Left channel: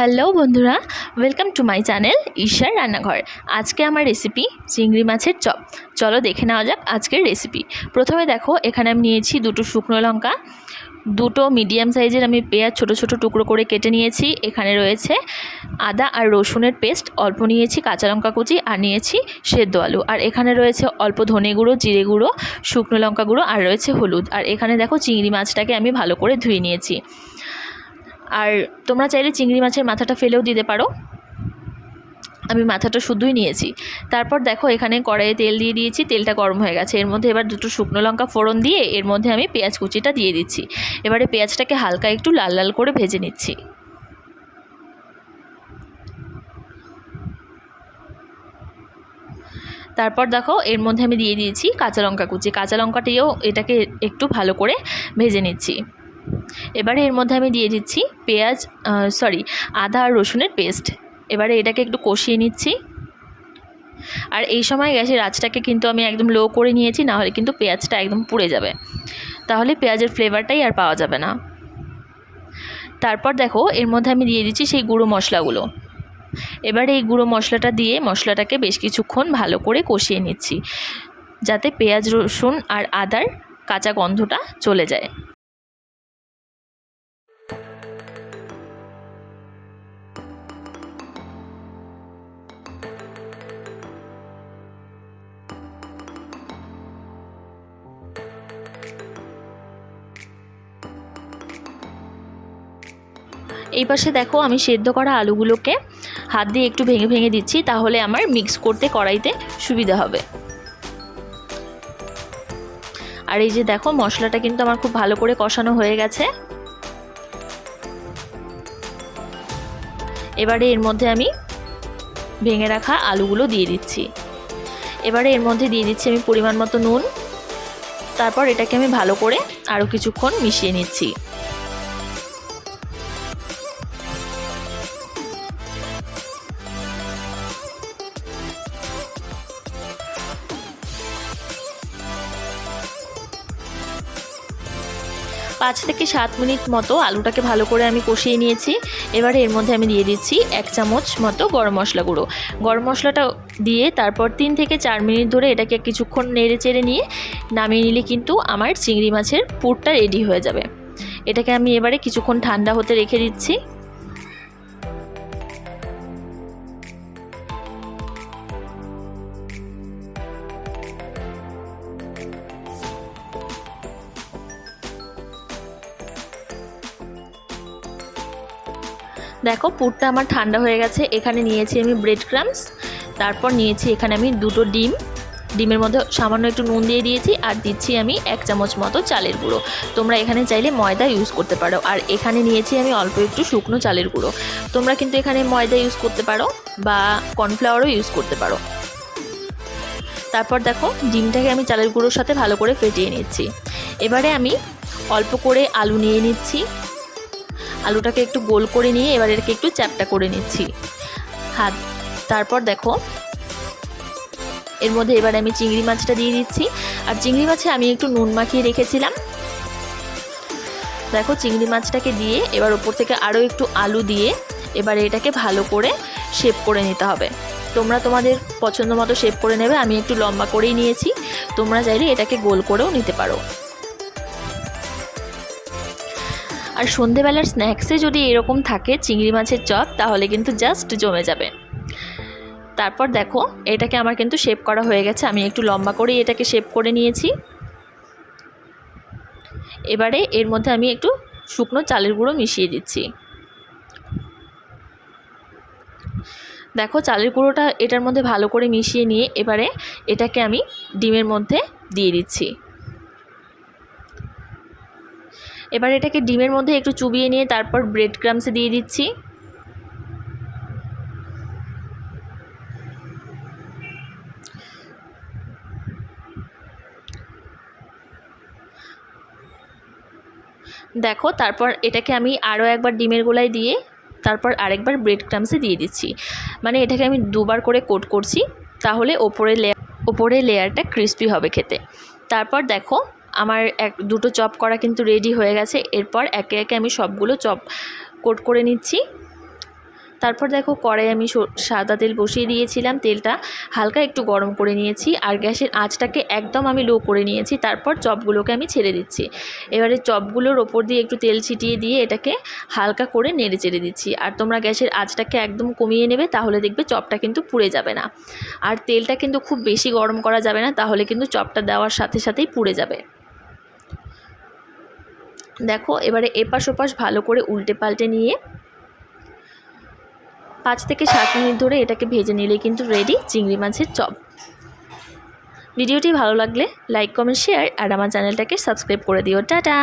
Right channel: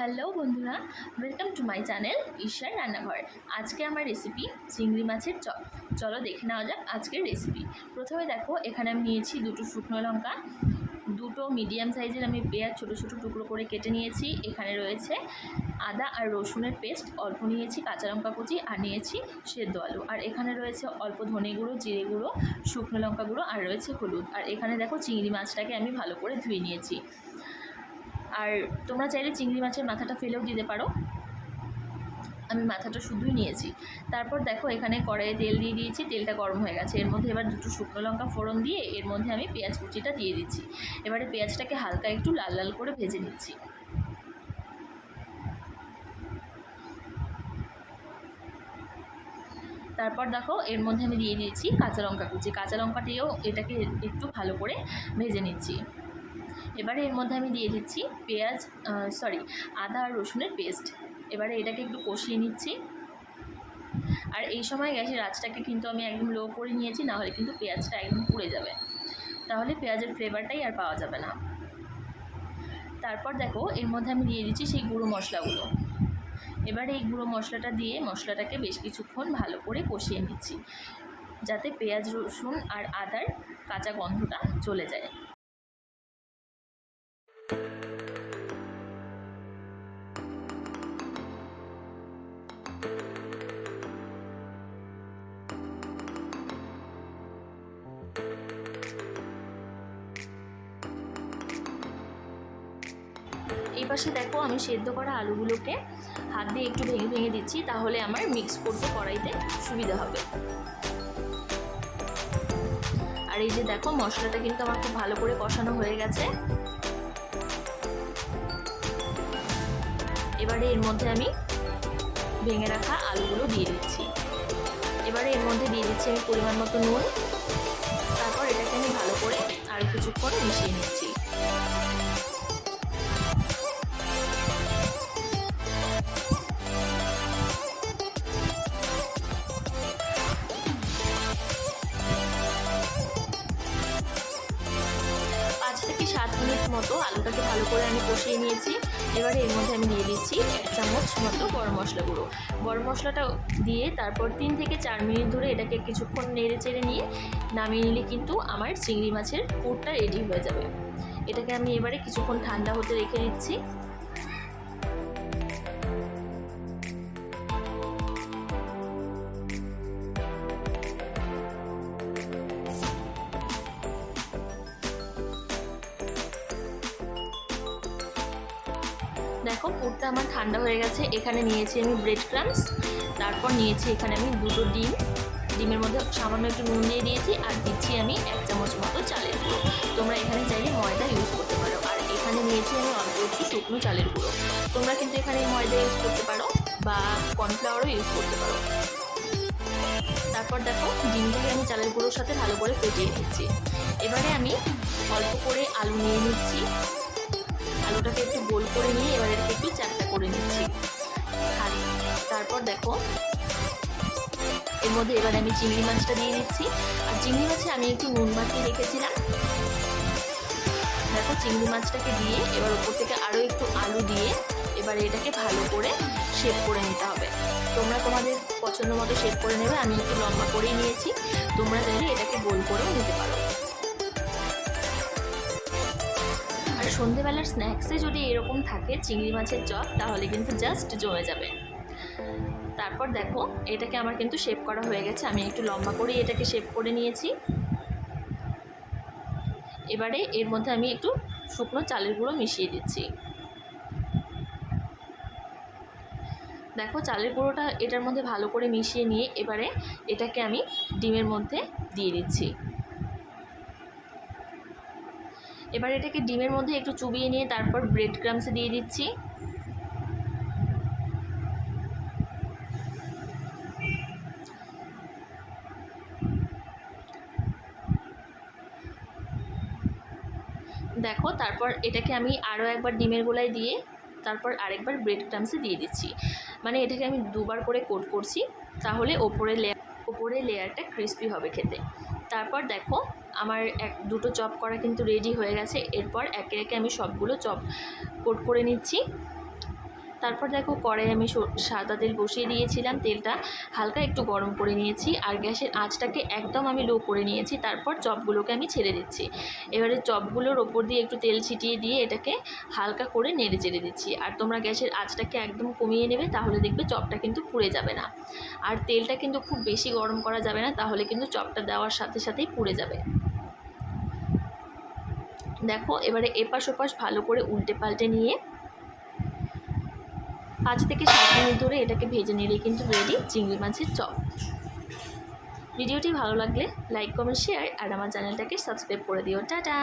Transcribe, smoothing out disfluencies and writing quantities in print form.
Hello বন্ধুরা, welcome to my channel ঈশার রান্নাঘর। আজকে আমার রেসিপি চিংড়ি মাছের চপ। চলো দেখে নেওয়া যাক আজকের রেসিপি। প্রথমে দেখো, এখানে আমি নিয়েছি দুটো শুকনো লঙ্কা, দুটো মিডিয়াম সাইজের আমি পেঁয়াজ ছোট ছোট টুকরো করে কেটে নিয়েছি। এখানে রয়েছে আদা আর রসুনের পেস্ট অল্প নিয়েছি, কাঁচা লঙ্কা কুচি আর নিয়েছি সেদ্ধ আলু। আর এখানে রয়েছে অল্প ধনে গুঁড়ো, জিরে গুঁড়ো, শুকনো লঙ্কা গুঁড়ো আর রয়েছে হলুদ। আর এখানে দেখো চিংড়ি মাছটাকে আমি ভালো করে ধুয়ে নিয়েছি। আর তোমরা চাইলে চিংড়ি মাছের মাথাটা ফেলেও দিতে পারো, আমি মাথাটা শুধুই নিয়েছি। তারপর দেখো, এখানে কড়াইয়ে তেল দিয়ে দিয়েছি, তেলটা গরম হয়ে গেছে। এর মধ্যে এবার দুটো শুকনো লঙ্কা ফোড়ন দিয়ে এর মধ্যে আমি পেঁয়াজ কুচিটা দিয়ে দিচ্ছি। এবারে পেঁয়াজটাকে হালকা একটু লাল লাল করে ভেজে নিচ্ছি। তারপর দেখো, এর মধ্যে আমি দিয়ে দিয়েছি কাঁচা লঙ্কা কুচি, কাঁচা লঙ্কাটিও এটাকে একটু ভালো করে ভেজে নিচ্ছি। এবারে এর মধ্যে আমি দিয়ে দিচ্ছি আদা আর রসুনের পেস্ট। এবারে এটাকে একটু কষিয়ে নিচ্ছি। আর এই সময় গ্যাসের আঁচটাকে কিন্তু আমি একদম লো করে নিয়েছি, নাহলে কিন্তু পেঁয়াজটা একদম পুড়ে যাবে, তাহলে পেঁয়াজের ফ্লেভারটাই আর পাওয়া যাবে না। তারপর দেখো, এর মধ্যে আমি দিয়ে দিচ্ছি সেই গুঁড়ো মশলাগুলো। এবারে এই গুঁড়ো মশলাটা দিয়ে মশলাটাকে বেশ কিছুক্ষণ ভালো করে কষিয়ে নিচ্ছি, যাতে পেঁয়াজ রসুন আর আদার কাঁচা গন্ধটা চলে যায়। এই পাশে দেখো, আমি সেদ্ধ করা আলুগুলোকে হাত দিয়ে একটু ভেঙে ভেঙে দিচ্ছি, তাহলে আমার মিক্স করতে কড়াইতে সুবিধা হবে। আর এই যে দেখো, মশলাটা কিন্তু আমার খুব ভালো করে কষানো হয়ে গেছে। এবারে এর মধ্যে আমি ভেঙে রাখা আলুগুলো দিয়ে দিচ্ছি। এবারে এর মধ্যে দিয়ে দিচ্ছি আমি পরিমাণ মতো নুন। তারপর এটাকে আমি ভালো করে আরও কিছুক্ষণ মিশিয়ে নিচ্ছি। পাঁচ থেকে 7 মিনিট মতো আলুটাকে ভালো করে আমি কষিয়ে নিয়েছি। এবারে এর মধ্যে আমি দিয়ে দিচ্ছি 1 চামচ মতো গরম মশলা গুঁড়ো। গরম মশলাটা দিয়ে তারপর 3 থেকে 4 মিনিট ধরে এটাকে কিছুক্ষণ নেড়ে চেড়ে নিয়ে নামিয়ে নিলে কিন্তু আমার চিংড়ি মাছের পুরটা রেডি হয়ে যাবে। এটাকে আমি এবারে কিছুক্ষণ ঠান্ডা হতে রেখে দিচ্ছি। দেখো, পুরটা আমার ঠান্ডা হয়ে গেছে। এখানে নিয়েছি আমি ব্রেড ক্রাম্বস, তারপর নিয়েছি এখানে আমি দুটো ডিমের মধ্যে সামান্য একটু নুন দিয়ে দিয়েছি, আর দিচ্ছি আমি 1 চামচ মতো চালের গুঁড়ো। তোমরা এখানে চাইলে ময়দা ইউজ করতে পারো। আর এখানে নিয়েছি আমি অল্প একটু শুকনো চালের গুঁড়ো। তোমরা কিন্তু এখানে ময়দা ইউজ করতে পারো বা কর্নফ্লাওয়ারও ইউজ করতে পারো। তারপর দেখো, ডিমটাকে আমি চালের গুঁড়োর সাথে ভালো করে ফেটিয়ে নিচ্ছি। এবারে আমি অল্প করে আলু নিয়ে নিচ্ছি। আলুটাকে একটু গোল করে নিয়ে এবার এটাকে একটু চ্যাপটা করে নিচ্ছি। তারপর দেখো, এর মধ্যে এবার আমি চিংড়ি মাছটা দিয়ে দিচ্ছি। আর চিংড়ি মাছে আমি একটু নুন মাখিয়ে রেখেছিলাম। দেখো, চিংড়ি মাছটাকে দিয়ে এবার ওপর থেকে আরও একটু আলু দিয়ে এবার এটাকে ভালো করে শেপ করে নিতে হবে। তোমরা তোমাদের পছন্দ মতো শেপ করে নেবে। আমি একটু লম্বা করেই নিয়েছি, তোমরা চাইলে এটাকে গোল করেও নিতে পারো। আর সন্ধেবেলার স্ন্যাক্সে যদি এরকম থাকে চিংড়ি মাছের চপ, তাহলে কিন্তু জাস্ট জমে যাবে। তারপর দেখো, এটাকে আমার কিন্তু শেপ করা হয়ে গেছে। আমি একটু লম্বা করেই এটাকে শেপ করে নিয়েছি। এবারে এর মধ্যে আমি একটু শুকনো চালের গুঁড়ো মিশিয়ে দিচ্ছি। দেখো, চালের গুঁড়োটা এটার মধ্যে ভালো করে মিশিয়ে নিয়ে এবারে এটাকে আমি ডিমের মধ্যে দিয়ে দিচ্ছি। এবার এটাকে ডিমের মধ্যে একটু চুবিয়ে নিয়ে তারপর ব্রেড ক্রাম্বসে দিয়ে দিচ্ছি। দেখো, তারপর এটাকে আমি আরও একবার ডিমের গোলায় দিয়ে তারপর আরেকবার ব্রেড ক্রাম্বসে দিয়ে দিচ্ছি। মানে এটাকে আমি দুবার করে কোট করছি, তাহলে ওপরে লেয়ারটা ক্রিস্পি হবে খেতে। তারপর দেখো, আমার দুটো চপ করা কিন্তু রেডি হয়ে গেছে। এরপর একে একে আমি সবগুলো চপ কোট করে নিচ্ছি। তারপর দেখো কড়াই আমি সাদা তেল বসিয়ে দিয়েছিলাম, তেলটা হালকা একটু গরম করে নিয়েছি আর গ্যাসের আঁচটাকে একদম আমি লো করে নিয়েছি। তারপর চপগুলোকে আমি ছেড়ে দিচ্ছি। এবারে চপগুলোর ওপর দিয়ে একটু তেল ছিটিয়ে দিয়ে এটাকে হালকা করে নেড়ে চেড়ে দিচ্ছি। আর তোমরা গ্যাসের আঁচটাকে একদম কমিয়ে নেবে, তাহলে দেখবে চপটা কিন্তু পুড়ে যাবে না। আর তেলটা কিন্তু খুব বেশি গরম করা যাবে না, তাহলে কিন্তু চপটা দেওয়ার সাথে সাথেই পুড়ে যাবে। দেখো এবারে এপাশ ওপাশ ভালো করে উল্টে পাল্টে নিয়ে 5 থেকে 7 মিনিট ধরে এটাকে ভেজে নিলে কিন্তু রেডি চিংড়ি মাছের চপ। ভিডিওটি ভালো লাগলে লাইক কমেন্ট শেয়ার আর আমার চ্যানেলটাকে সাবস্ক্রাইব করে দিও। টাটা।